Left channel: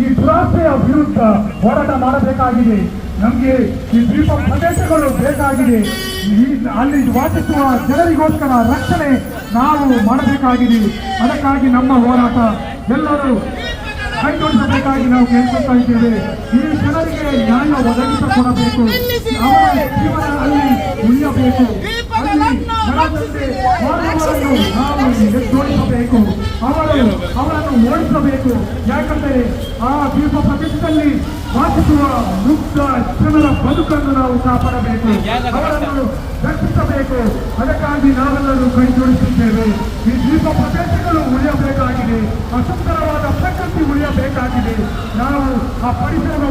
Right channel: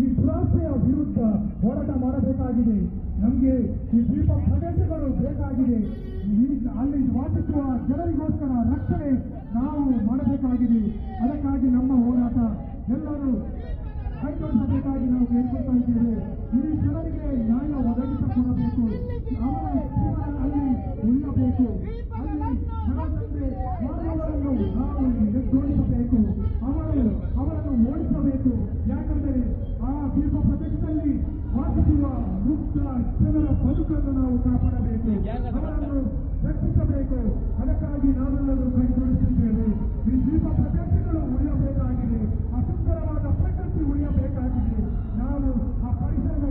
ಈ ದುರಾಸೆಯ ವಿರುದ್ಧ ಹೋರಾಟ ಮಾಡಬೇಕಾಗಿದೆ. ನಮಗೆ ಈ ದ್ವೀಪ ಪ್ರದೇಶಗಳು ಬೇಕಾಗಿದೆ. ಅಲ್ಲಿ ವಾಸಿಸುವ ಜನರಿಗೋಸ್ಕರ ರಕ್ಷಣೆ ನಾವು ಮಾಡಬೇಕಾಗಿದೆ. ಅದಕ್ಕಾಗಿ ನಮ್ಮ ಹೋರಾಟ ಎಲ್ಲರೂ ಕೈಗೊಳಿಸಬೇಕಾಗಿ ನಾವು ಕೇಳ್ಕೊಳ್ತಾ ಇದ್ದೇವೆ. ಈ ಜನರಿಗೆ ನ್ಯಾಯ ಒದಗಿಸಿಕೊಡಬೇಕು. ಅವರ ಜೀವನ ಅಲ್ಲಿ ಉಳಿಯಬೇಕು. ಅಲ್ಲಿ ಜನತೆ ಮಾನವರನ್ನು ನಾವು ಎದ್ದೋಡಿಸಬೇಕು. ಅವರನ್ನು ಓಡಿಸಬೇಕು. ಯಾಕಂದರೆ ಆ ದ್ವೀಪ ಪ್ರದೇಶದಲ್ಲಿ ವಾಸಿಸುವ ಮುಕ್ತ ಜನರ ಬದುಕನ್ನು ನಾವು ಕಾಪಾಡಬೇಕು. ಅವರನ್ನು ರಕ್ಷಿಸಬೇಕು. ಅದಕ್ಕಾಗಿ ನಾವೆಲ್ಲರೂ ಕೈ ಜೋಡಿಸುತ್ತೇವೆ. ಈ ದ್ವೀಪ ಪ್ರದೇಶಗಳು ಉಳಿಯಬೇಕಾಗಿದೆ. ಸುಂದರವಾದ ಪ್ರಕೃತಿ ಉಳಿಯಬೇಕಾಗಿದೆ. ನಾವು ಆ ಪರಿಸರ